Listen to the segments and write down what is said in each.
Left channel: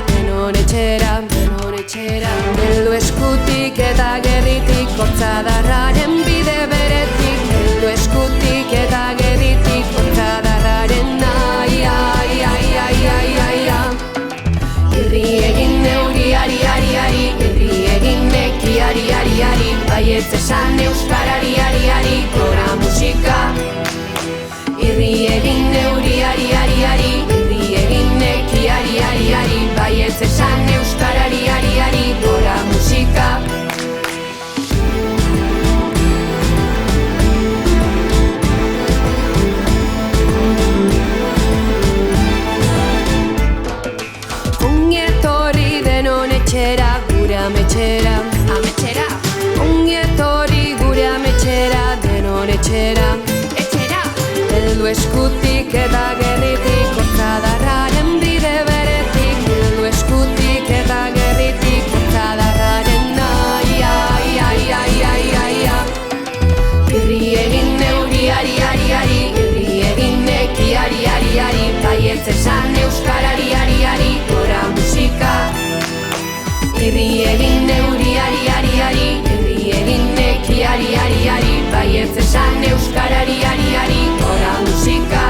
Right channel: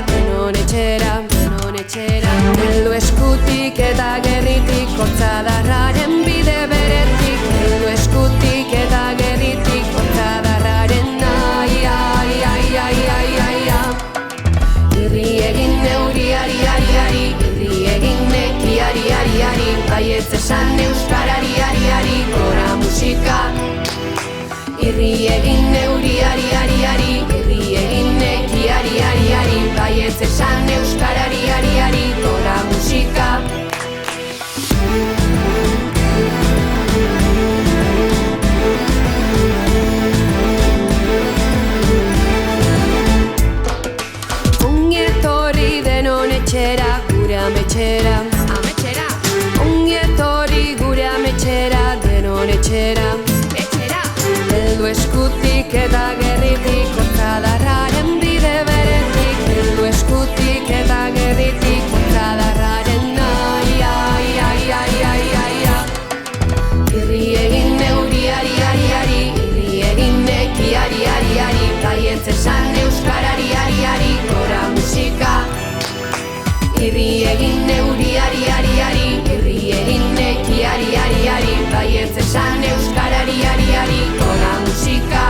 denon etxera, heldu eskutik eta gerritik, hortzadarraren bide beretik, heldu eskutik eta gerritik, hortzadarraren irri egin neuriari, irri egin nekiari, baietz esan euskarari, gora musika. Irri egin neuriari, irri egin nekiari, baietz esan euskarari, gora musika. Ongi etorri denon etxera, gure ametxera. Ongi etorri gure ametxera, denon etxera. Heldu eskutik eta gerritik, hortzadarraren bide beretik, heldu eskutik eta gerritik, hortzadarraren irri egin neuriari, irri egin nekiari, baietz esan euskarari, gora musika. Irri egin neuriari, irri egin nekiari, baietz esan euskarari, gora musika.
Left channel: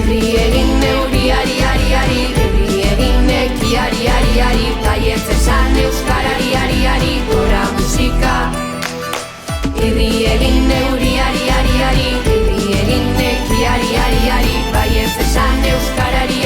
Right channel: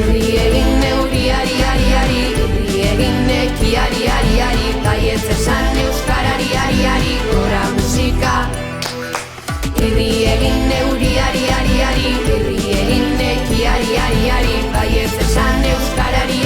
Irri egin neuriari, irri egin nekiari, baietz esan euskarari, gora musika. Irri egin neuriari, irri egin nekiari, baietz esan euskarari,